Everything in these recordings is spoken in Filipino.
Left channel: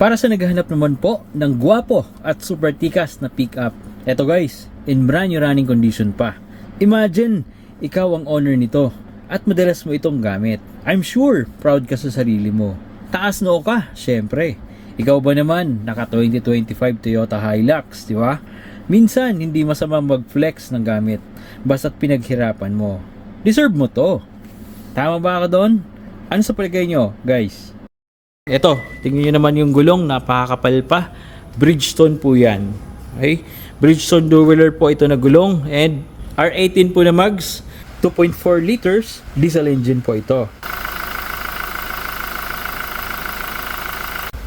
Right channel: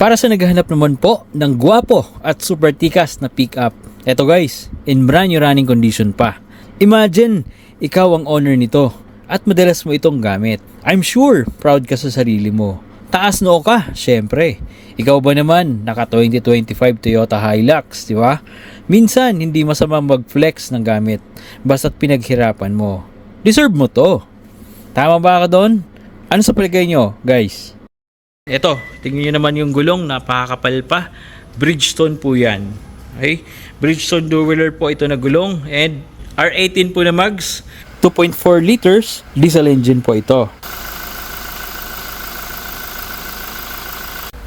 Para sa naghahanap naman po ng gwapo at super tikas na pickup, eto guys, in brand new running condition pa. Imagine, ikaw ang owner nito at madalas mo itong gamit. I'm sure proud ka sa sarili mo. Taas noo ka, syempre. Ikaw ba naman, naka 2025 Toyota Hilux, di ba? Minsan, hindi masama mag-flex ng gamit, basta't pinaghirapan mo. Deserve mo to. Tama ba ka doon? Ano sa palagay nyo, guys? Eto, tingnan nyo naman yung gulong, napakakapal pa. Bridgestone po yan. Okay? Bridgestone two-wheeler po ito na gulong and R18 po na mags. 2.4 liters diesel engine po ito.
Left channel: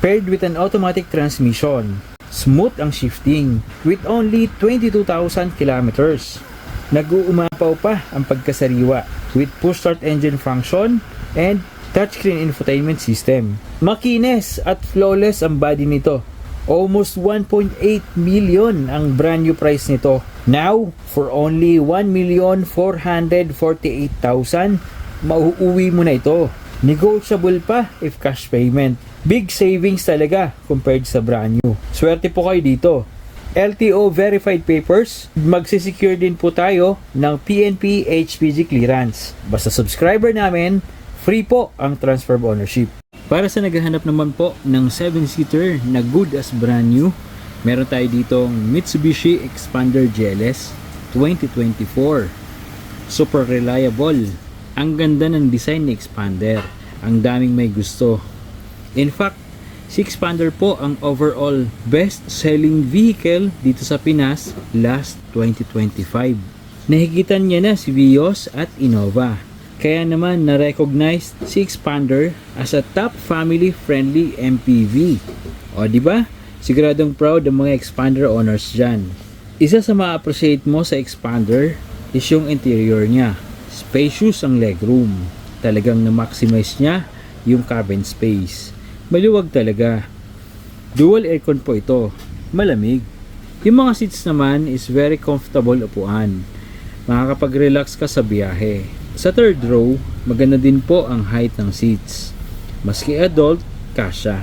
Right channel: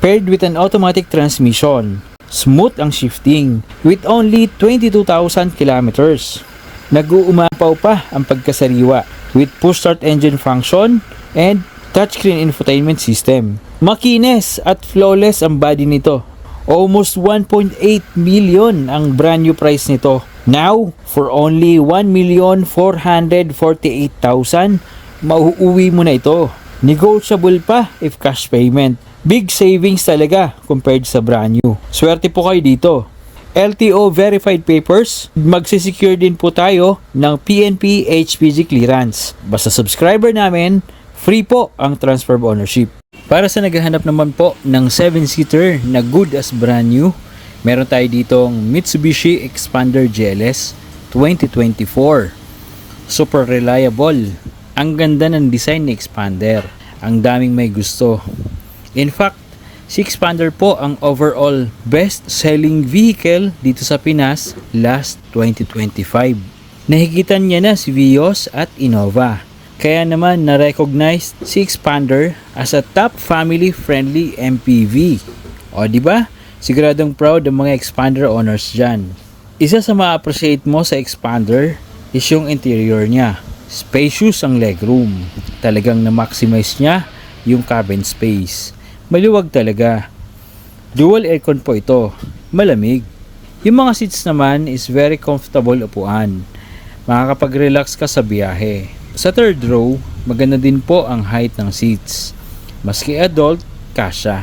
Paired with an automatic transmission. Smooth ang shifting with only 22,000 kilometers. Nag-uumapaw pa ang pagkasariwa with push start engine function and touchscreen infotainment system. Makinis at flawless ang body nito. Almost 1.8 million ang brand new price nito. Now, for only 1,448,000, mauuwi mo na ito. Negotiable pa if cash payment. Big savings talaga compared sa brand new. Swerte po kayo dito. LTO verified papers, magsisecure din po tayo ng PNP HPG clearance. Basta subscriber namin, free po ang transfer of ownership. Para sa naghahanap naman po ng 7-seater na good as brand new, meron tayo ditong Mitsubishi Expander GLS 2024. Super reliable. Ang ganda ng design ni Expander. Ang daming may gusto. In fact, si Expander po ang overall best-selling vehicle dito sa Pinas last 2025. Nahigitan niya na si Vios at Innova. Kaya naman na-recognize si Expander as a top family-friendly MPV. O di ba? Siguradong proud ang mga Expander owners dyan. Isa sa ma-appreciate mo sa Expander is yung interior niya. Spacious ang legroom. Talagang na-maximize niya yung cabin space. Maluwag talaga. Dual aircon po ito. Malamig. Yung mga seats naman is very comfortable upuan. Makakapag-relax ka sa biyahe. Sa third row, maganda din po ang height ng seats. Maski adult, kasya.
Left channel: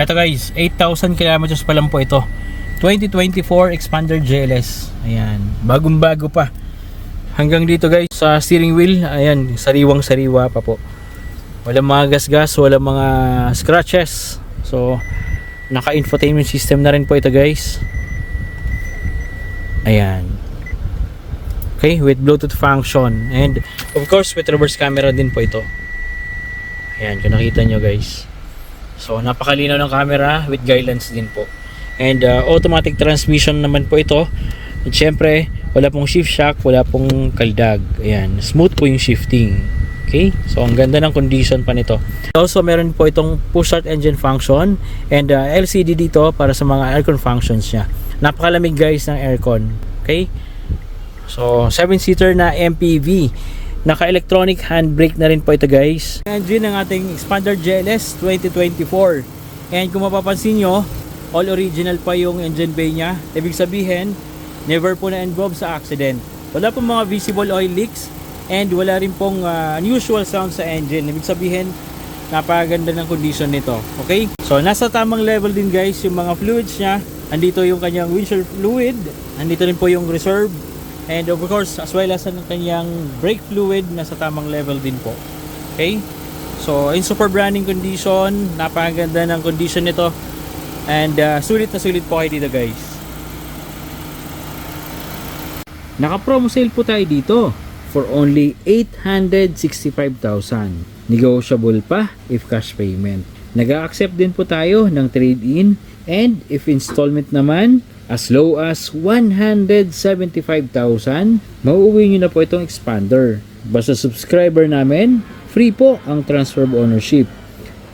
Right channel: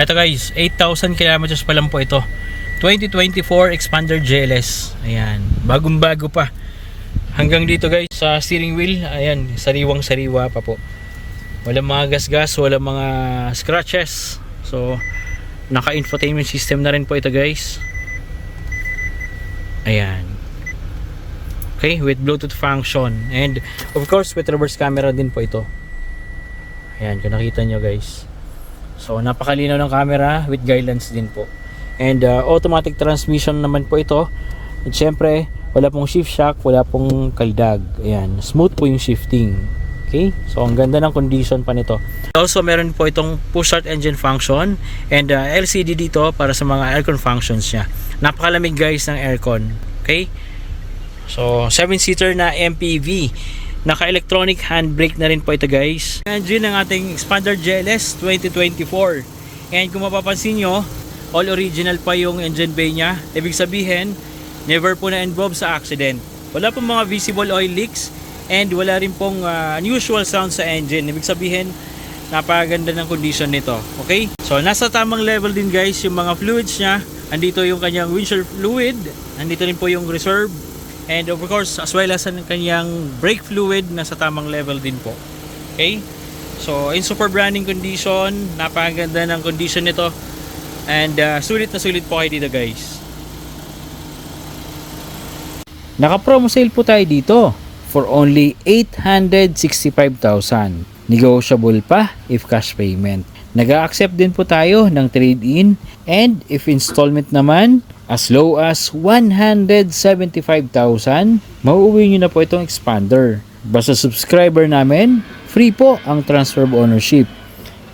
Eto guys, 8,000 kilometers pa lang po ito. 2024 Expander GLS. Ayan, bagong-bago pa. Hanggang dito guys, sa steering wheel, ayan, sariwang-sariwa pa po. Walang mga gasgas, walang mga scratches. So, naka-infotainment system na rin po ito guys. Ayan. Okay, with Bluetooth function. And, of course, with reverse camera din po ito. Ayan, kung nakita nyo guys. So, napakalinaw ng camera with guidelines din po. And, automatic transmission naman po ito. At syempre, wala pong shift shock, wala pong kaldag. Ayan, smooth po yung shifting. Okay, so ang ganda ng condition pa nito. Also, meron po itong push start engine function and LCD dito para sa mga aircon functions niya. Napakalamig guys ng aircon. Okay, so 7-seater na MPV. Naka-electronic handbrake na rin po ito guys. Engine ng ating Expander GLS 2024. And kung mapapansin nyo, all original pa yung engine bay niya. Ibig sabihin, never po na-involve sa accident. Wala pong mga visible oil leaks. And wala rin pong unusual sound sa engine. Ibig sabihin, napakaganda ng condition nito. Okay? So, nasa tamang level din guys yung mga fluids niya. Andito yung kanyang windshield fluid. Andito rin po yung reserve. And of course, as well as ang kanyang brake fluid, nasa tamang level din po. Okay? So, in super branding condition, napakaganda ng condition nito. And sulit na sulit po kayo dito guys. Naka-promo sale po tayo dito for only 865,000. Negotiable pa if cash payment. Nag-a-accept din po tayo ng trade-in and if installment naman, as low as 175,000, mauuwi nyo na po itong Expander. Basta subscriber namin, free po ang transfer of ownership.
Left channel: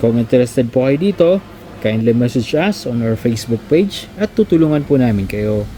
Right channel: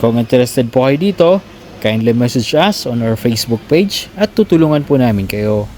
Kung interested po kayo dito, kindly message us on our Facebook page at tutulungan po namin kayo.